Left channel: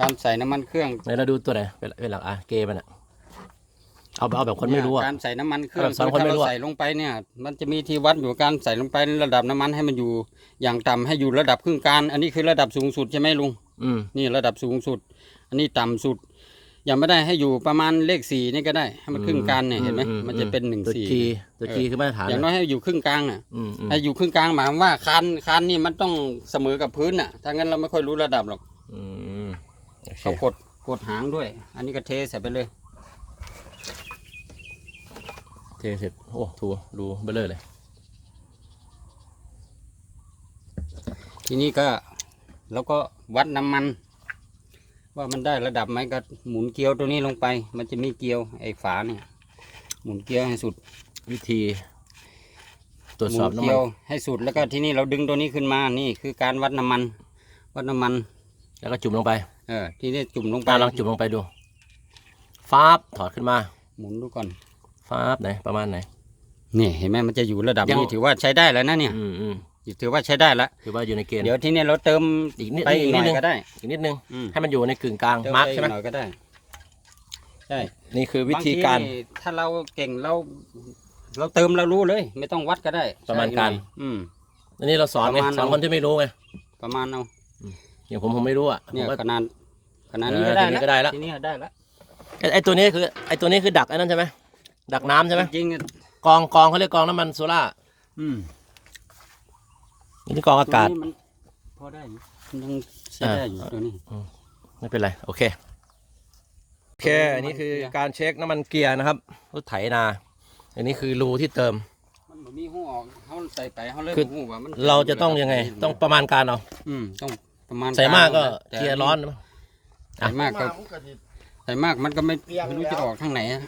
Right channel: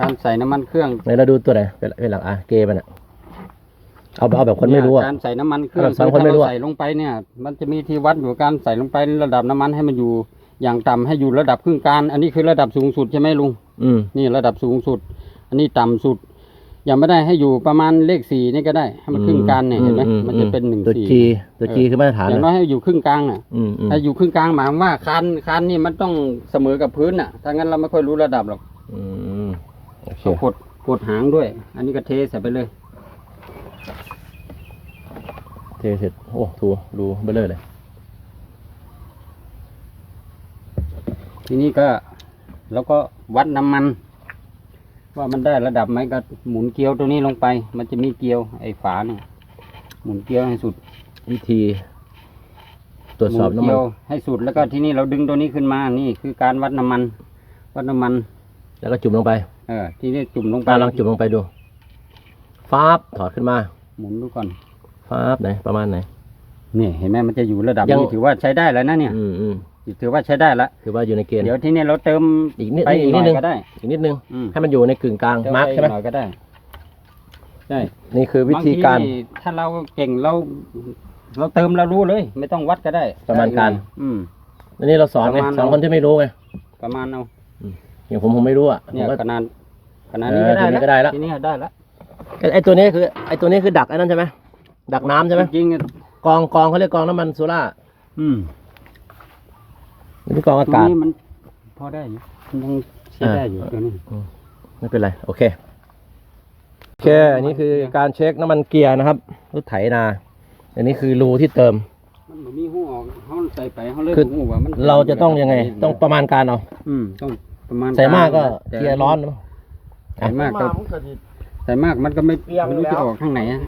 การใส่น้ำมันเครื่องไหนเราดูตัวไหนเป็นเป็นหลักอะเกมันอะเอาเอาแบบคนไม่รู้อะ การใส่น้ำมันเครื่อแบบงสอนคนไม่รู้อะถ้าเาใส่ลงไปเนี่ย มันจะมีที่วัดอยู่การใส่ลงไประดับน้ำมันให้มันอยู่อย่างต่ำให้อยู่ระดับครึ่งกลางอันนี้คือระดับสูงสุดใช่ไหมลุง อืม นี่ระดับสูงสุด อันนี้ต่ำสุด ยังไม่ได้ให้อยู่ประมาณเลขสี่นี่ก็ได้ ให้มันครึ่งกลางเนี่ยเห็นไหมอืมันจะเป็นหนึ่งตัวสี่ จีตัวจีคือมาตรฐานอย่างน้อนะยให้อยู่ครึ่งกลางน่ะอืมอืมให้อยู่ครึ่งกลางหมายความว่าคันคันนี่มันต้องเสมอกับพื้นน่ะ ถ้างั้นเราไม่ค่อยรู้ระดับหรอก อืม โอเคกดกดหางด้วย อันนี้ก็เทใส่ไปเลย เทเสร็จ โอ้ถูดูเบลเลอร์เลย ทีนี้ก็แล้วก็วัดน้ำมัน ว่ามันได้ระดับไหมก็หมุนเกลียวตัวนี้ลงไป มันจะมีเกลียวไอ้ฝาเนี่ยหมุนเกลียวให้สุดวิธี ตรวจสอบหมุน้ำมันเกลียวให้สุดแล้วก็ทีนี้เราดึงตัวนี้ขึ้นมานี่คือการวัดน้ำมัน วัดน้ำมัน แล้วก็จุ่มลงไป เออทีนี้จุ่มลงไปตาลองจุ่มลงไปดูฟ้าบถอดขึ้นมาหมุนดูก่อนฟ้าบไหนประมาณไหน นี่เห็นไหมมันจะอยู่ระดับยัง นี้ถือว่าใช้ได้แล้วนะเนี่ยอืมอืมถือว่าใช้ได้ละคือว่าอยู่ในเกณฑ์ เดี๋ยวทีนี้เราเติมอีกนิดไปอีอีกกหนิน่ดอยนึงก็ได้ อีกนิดนึง อืมให้มันอยู่ในกึ่งกลางเติมมาร์กไปใช่ไหมอีกหน่อยก็ได้ใช่นี่คือวิธีการ บงทีถ้าเราเก่งเรา เราเติมเรารู้เลย ไม่ต้องวัดก็ได้ประมาณการอืม อันนี้เราสอนไงประมาณ สอนคนที่ไม่รู้ไง ประมาณเอาอ ย่างผมผมไม่รู้อะผเนี่มยก็ขนาดขนาดเอนี้อก็ได้ทีนี้ก็ได้แล้ว ทีนี้ได้แล้วไอ้ไอตัวนี้คือไอตัวนี้คือดักไอ้นั่นใช่ไหมดักน้ำใช่ไหมจริงกองกองเขาเรียกกองน้ำมันโซล่าๆอืมอันนี้กองอาตรงกาศนี้มันพอได้อยู่มันยังใช้ได้อยู่ตัวนี้ ไม่เป็นไร โอเค โอเค อันนี้คือการเช็คน้ำมันเกียร์นะครับรถไถนา อันนี้คือรูที่เติม มันบ่มีหูออกเขาใส่ไปเขาเลยคือ บ่หูว่ามันเราจะต้องยังไง ต้องประมาณการเอา อืมต้อง ประมาณใส่มากก็แต่เกียร์ร้อนนะใส่มากก็มันก็สิ ใส่มากมันก็ไม่เอียงไม่รู้แล้ว จะออกทางไหนอะ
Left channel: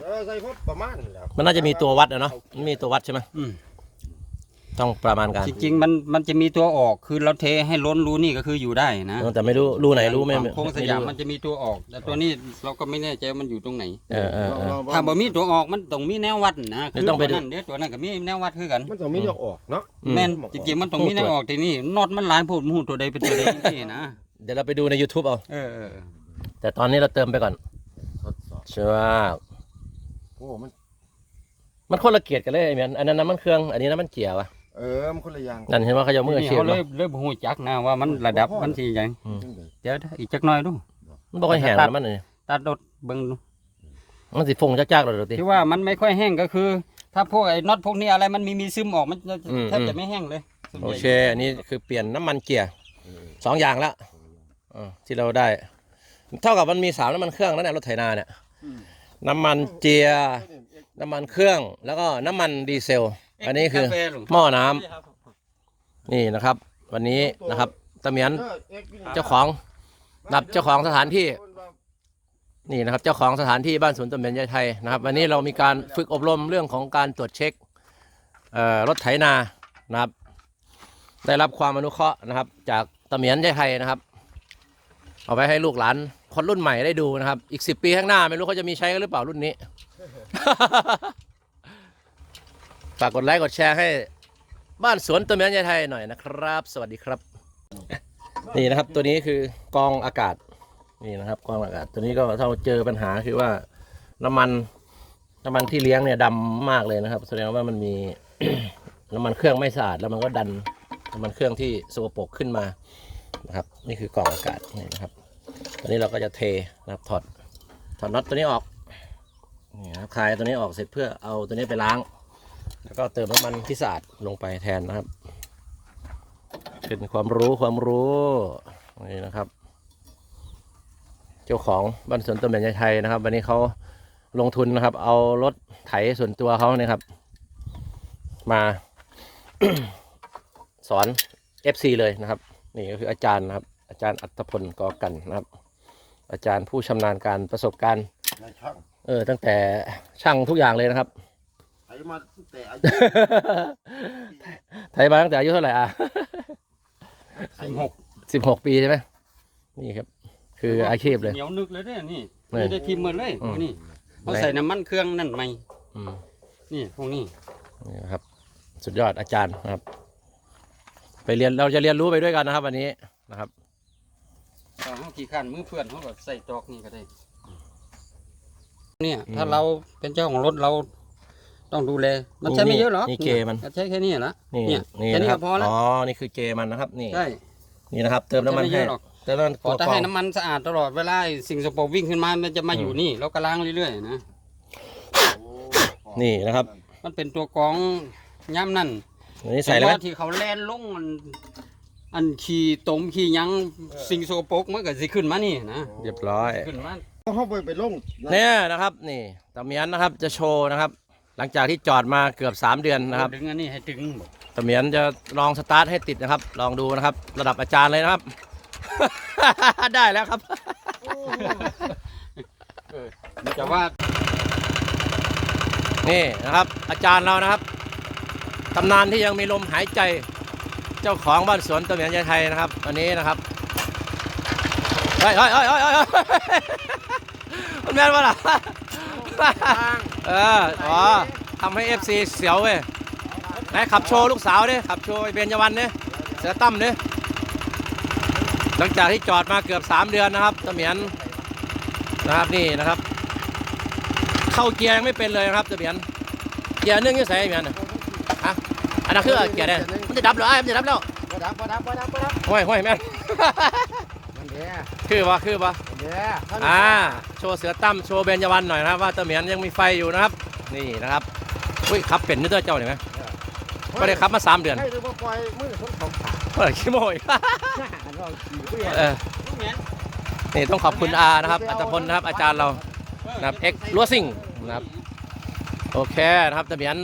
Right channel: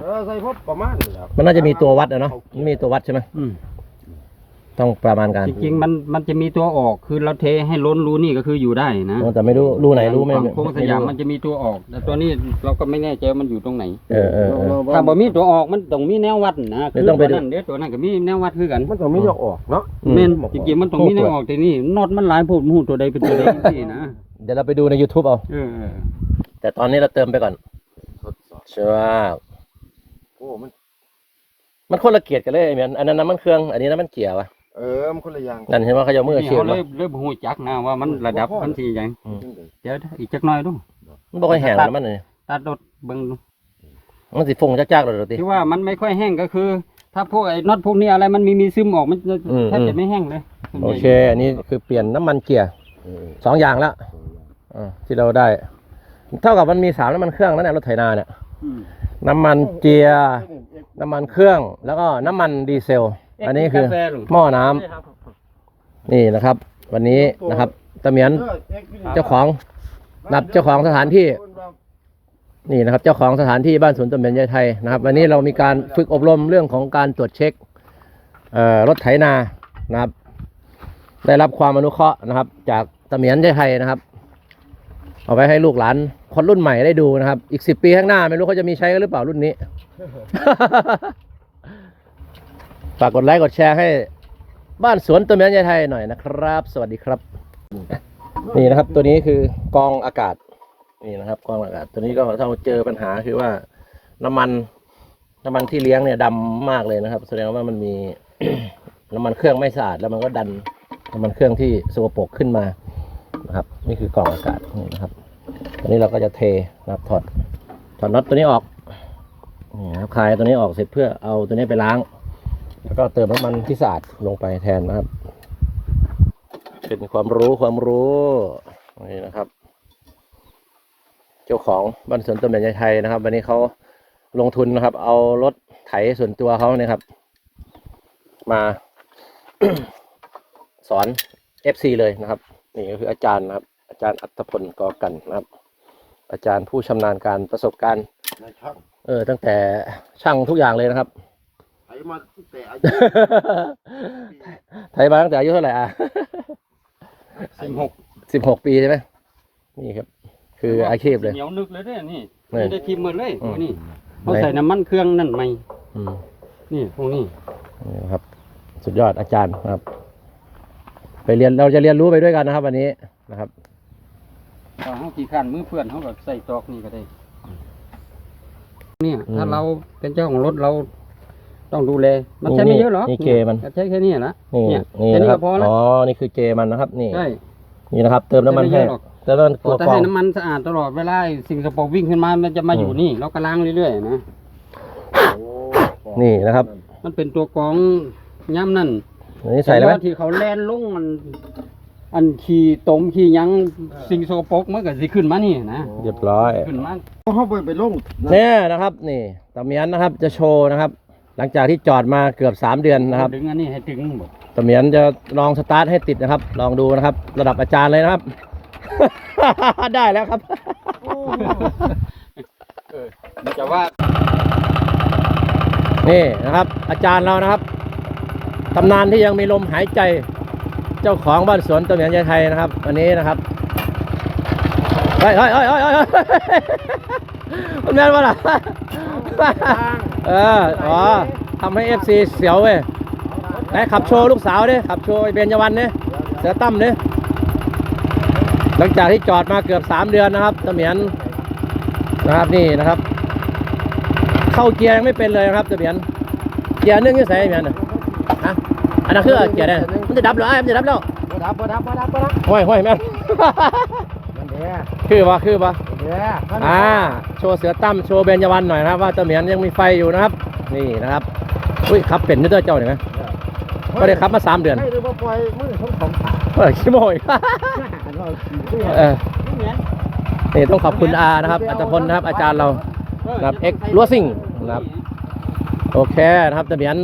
เออใส่พบประมาณนี้แหล้วมันน่าจะมีตัววัดอะเนาะมันมีตัววัดใช่ไหมอืม ต้องประมาณการจริงๆมันมันจะมีตัวออกคือเราเทให้ล้นรูนี่ก็คืออยู่ได้นะแต่ไม่รู้รูไหนรู้ไม่ฝั่งโค้งสไม่ยามรู้มันจะมีตัวออก แต่ตัวนี้เราก็ไม่แน่ใจว่ามันอยู่ตรงไหนเออเออเออถ้าบ่มีตัวออกมันต้องมีแนววัดนะเดี๋คืยวอต้องไปตัวดูนั้นเดี๋ยวตัวนั้นก็มีแนววัดคือกันมันต้องไม่ยกออกเนาะอืมแม่นจริงๆมันต้องมีแนวออกที่นี่น็อตมันหลายโพดหูตัวใดเป็นตัวใดที่นะเดี๋ยวเราไปดูใน YouTube เอาเออเออแต่ตอนนี้เราเติมไปก่อนทดสอบใช่ไหมโอ้มันมันคนละเกียดกันเลยไอ้แมนอันนั้นน้ำมันเครื่อง อันนี้น้ำมันเกียร์วะ เออมันคนละอย่างนั่นเห็นว่าเขาจะเอามือนี่เชียเขาบเลมายเลยบ่ฮู้จักนะว่ามันระดับมันสิหยังจังใดเดี๋ยวอีกจักหน่อยดูมันบอกให้แห้งน้ำมันเลยตัดรถเบิ่งดูมันสิฟงจักๆเลยติที่ว่ามันไม่ค่อยแห้งก็คือ ถ้าพวกไอ้น็อตพวกนี้อะไรมันมีมีซึมออกมันจะอืมแทบจะไม่แห้งเลยส่วนโอใหญ่เค อันนี้คือเปลี่ยนน้ำมันเกียร์เออสองอย่างแล้วอ่าที่เราได้ เท่ากับมันมีสามน้ำมันเครื่องนั่นแหละรถไถนาเนี่ยอืมน้ำมันเจียร์น้ำมันเครื่อง แล้วก็น้ำมันดีเซล อันนี้คือกาแฟหลวงหม้อน้ำนี่นะครับ วันนี้นะครับตะเหมียนเออเอ็กซ์วิลลี่เจ้าของนับเจ้าของสถานที่นี่นะครับ เจ้าของสถานที่บ้านสวนต้นเบญยายไทยนะครับ วันนี้เรามีการฝึกอบรมเรื่องของการตรวจเช็คเอ่อรถไถนานะครับ ได้รับความอนุเคราะห์นะครับ จากตะเหมียนยายไทยนะครับ เอาไว้ให้ลูกหลานคนรุ่นใหม่ได้ดูนะครับ อีกสิปีข้างหน้าไม่รู้เขาจะมีใช้กันหรือเปล่ารุ่นนี้ ฝากกดไลค์กดแชร์ให้บ้านสวนต้นเบญยายไทยหน่อยนะครับ สวัสดีครับ นี่นะครับตัวนี้คือกองอากาศนี่นะครับกองอากาศตัวนี้ก็ถ้าเจอปัญหาคือว่าน้ำมันน้ำมันที่เลี้ยงเนี่ยดำมากเลยนะครับ แสดงว่ามันมี น้ำมันเครื่องไม่สะอาดแล้วมันก็ดันน้ำมันเครื่องที่สกปรกขึ้นมานะครับ นี่คือกล่องอากาศนี่นะครับอันนี้เราก็จะเทนะครับถอดถอดน็อตตัวนี้ออกนี่นะครับคลายตัวนี้ออกเสร็จเพื่อเอาตัวนี้ไปล้าง แล้วก็เติมน้ำมันที่สะอาดลงไปแทนนะครับ เป็นความรู้ความรู้นี่นะครับ เจ้าของบ้านสวนต้นแบบยายไทยนะครับ วันนี้เขาลงทุนนะครับ เอารถไถส่วนตัวเขาเนี่ยครับ มา สอน FC เลยนะครับ นี่ก็คืออาจารย์นะครับ อาจารย์อัตพลกอกันนะครับ อาจารย์ผู้ชำนาญการประสบการณ์นายช่างเออตั้งแต่ช่างทุกอย่างเลยนะครับไถ มาตั้งแต่อายุไถมาตั้งแต่อายุเท่าไหร่อะสิบหกสิบหกปีใช่ไหมนี่ครับ คืออาชีพเลยเหนียวนึกเลยเด้อนี่นี่นี่ได้ทีมหมดเลยอืมพวกนี้เขาใส่น้ำมันเครื่องนั่นไหมอืมนี่พวกนี้นี่นะครับ สุดยอดอาจารย์นะครับ ไปเรียนเราจะเรียนรู้ไปด้วยกันนะครับ วันนี้นะครับถ้าเขาขี่ขันมือเพื่อนเขาก็ใส่ตอกนี่ก็ได้ เนี่ย ถ้าเราเป็นเจ้าของรถเรา ต้องดูแล มันใช้ไม่เยอะหรอกนี่เกมันก็ใช้แค่นี้นะนี่เนี่ยนี่แค่นี้นะครับก็พอแล้วอ๋อนี่คือเกมันนะครับ นี่ใช่นี่นะครับ เติมน้ำมันให้ไม่เยอะหรอกเติมน้ำมันตัวแต่กรองให้น้ำมันสะอาดตลอดเวลาไอ้สิ่งสกปรกวิ่งขึ้นมามันจะมาอยู่อืมนี่เราก็ล้างเรื่อยๆนะนี่นะครับ มันเป็นตัวกรองย่ำนั่นอันนี้ใส่แล้วไหมต่าที่เขาแล่นลงมันอันขี่ตมขี่หยังสิ่งสกปรกมันก็สิขึ้นมานี่นะเรียบร้อยขึ้นมาเขาไปไปลงเนี่ยนะครับ นี่ตะเมียนนะครับจะโชว์นะครับ หลังจากที่จอดมาเกือบ 3 เดือนนะครับดึงอันนี้ให้ถึงหมดตะเมียนจะลองสตาร์ทให้ติดนะครับ ลองดูนะครับ ระดับอาจารย์เลยนะครับ ได้แล้วครับจะว่า นี่นะครับ อาจารย์เรานะครับตำนานที่ยังมีลมหายใจเจ้าของบ้านสวนตะเมียนยายไทยนะครับ วันนี้นะครับเฮ้ยเฮ้ยเฮ้ยเฮ้ยเฮ้ย มันแม่นวะล่ะเอออ๋อทำให้เอฟซีเสียวเว้ยไหนขับโชว์ลูกสาวดิขับโชว์ไอ้เบญจวรรณดิเสือตั้มดิหลังจากที่จอดมาเกือบ 3 เดือนนะครับตะเมียนนะครับนี่นะครับ เข้าเกียร์ยังไม่เป็นเลยนะครับตะเมียนเกียร์หนึงยังใส่ไอ้เมียนน่ะฮะอันนั้นคือเกียร์ได้มันจะดับเหรอไอ้มันจะดับแล้วบ่ดับบ่ดับบ่ดับบ่ดับห้อยห้อยแม่นนั่นแหละคือวะคือวะนั่นแหละ อ่าโชว์เสือตั้มโชว์เบญจวรรณหน่อยนะครับ ว่าตะเมียนยังมีไฟอยู่นะครับ นี่นะครับอุ้ยขับเป็นนึกตัวเจ้าเห็นไหมก็ได้ขับมาสามเดือนให้ดูว่าปล่อยมือของของขาเปิดขี้โมยเราขี่ด้วยเออนี่ต้องขอบคุณอานะครับอัตพลนะครับอาจารย์เรานะครับเอ็กลัวซิ่งนะครับโอเคนะครับตะเมียน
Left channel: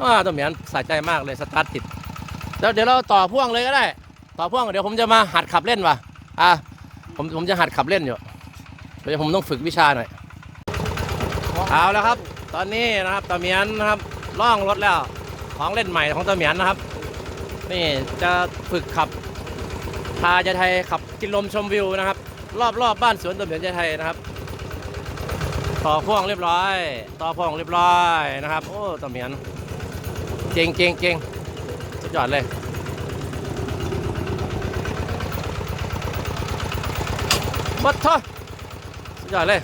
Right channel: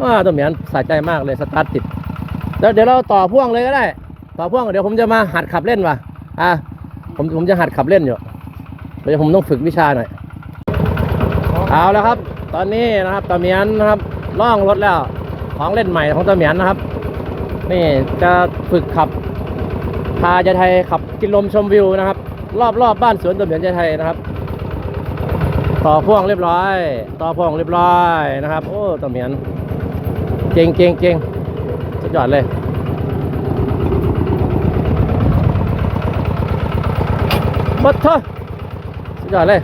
อ่าตะเมียนสะใจมากเลยสตาร์ทติดแล้วเดี๋ยวเราต่อพ่วงเลยก็ได้ ต่อพ่วงเดี๋ยวผมจะมาหัดขับเล่นว่ะอะ ผมผมจะหัดขับเล่นอยู่เดี๋ยวผมต้องฝึกวิชาหน่อย เอาแล้วครับ ตอนนี้นะครับตะเมียนนะครับล่องรถแล้ว ของเล่นใหม่ของตะเมียนนะครับ นี่จะฝึกขับพาจะไทยขับกินลมชมวิวนะครับ รอบรอบบ้านสวนตะเมียนจะไทยนะครับ ต่อพ่วงเรียบร้อย ต่อพ่วงเรียบร้อยนะครับ โอ้ตะเมียนเก่งเก่งเก่งสุดยอดเลย บดทอสุดยอดเลย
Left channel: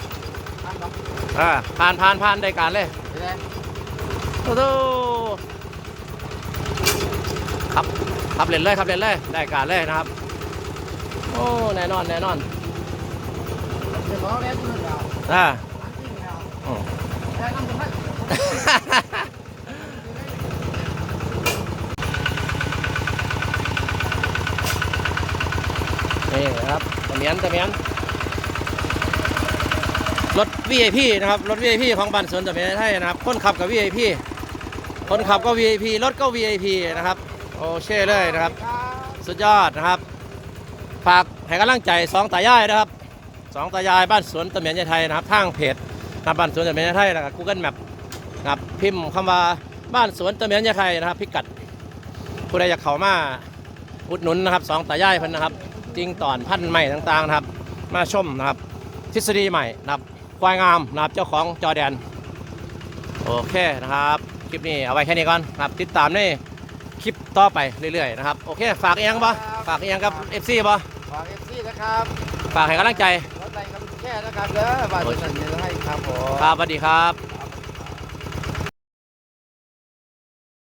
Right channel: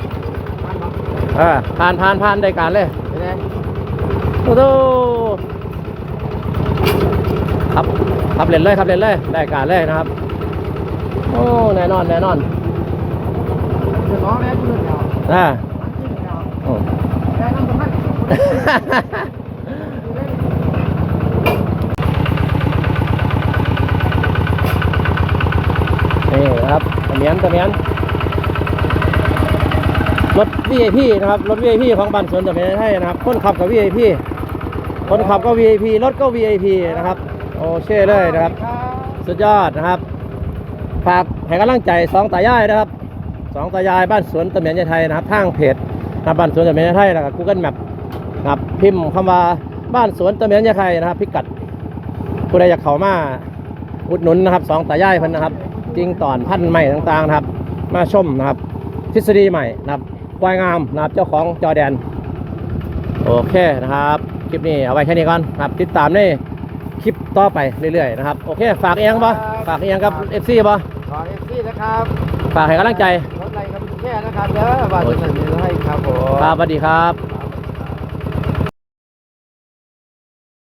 อ่าผ่านผ่านผ่านได้การเลยโอ้โหครับขับเล่นเลยขับเล่นเลยได้การเลยนะครับ โอ้แน่นอนแน่นอนน้องแม่ยืนเอาอ่าอืมแม่นั่งบนนั้นนี่ครับตะเมียนตะเมียน รถ VIP นะครับ รถ VIP ของบันสวนตะเมียนให้นะครับ คนขับกับ VIP คนขับก็ VIP รถก็ VIP นะครับ โอเชื่อเลยนะครับ สุดยอดนะครับ ฝากให้กำลังใจสองตายายนะครับสองตายายบ้านสวนตะเมียนยาไทยนะครับทางเพจนะบ้านสวนตะเมียนยาไทยแล้วก็ Google Map นะครับพิมพ์คำว่าบ้านสวนตะเมียนยาไทยนะครับ พิกัดผู้ใดอยากเข้ามาอุดหนุนนะครับสองตายายพิ่นนะครับ จริงต่อนพันใหม่ต่างๆนะครับ มาชมนะครับ ทฤษฎีใหม่นะครับ ควายงามนะครับเจ้าของจอแดน โอเคนะครับ คลิปนี้เอาไว้แค่นี้ก่อนนะครับ ติดตามในคลิปต่อไปเรื่อยๆนะครับ โอเค ฝากเอียงปะฝากเอียงกับ FC ปะขอเอ็กซี่นะครับฝากให้กำลังใจรถอะไรกันแค่นะครับเด้อว่าจะสั่งให้ครับผม ครับสวัสดีครับค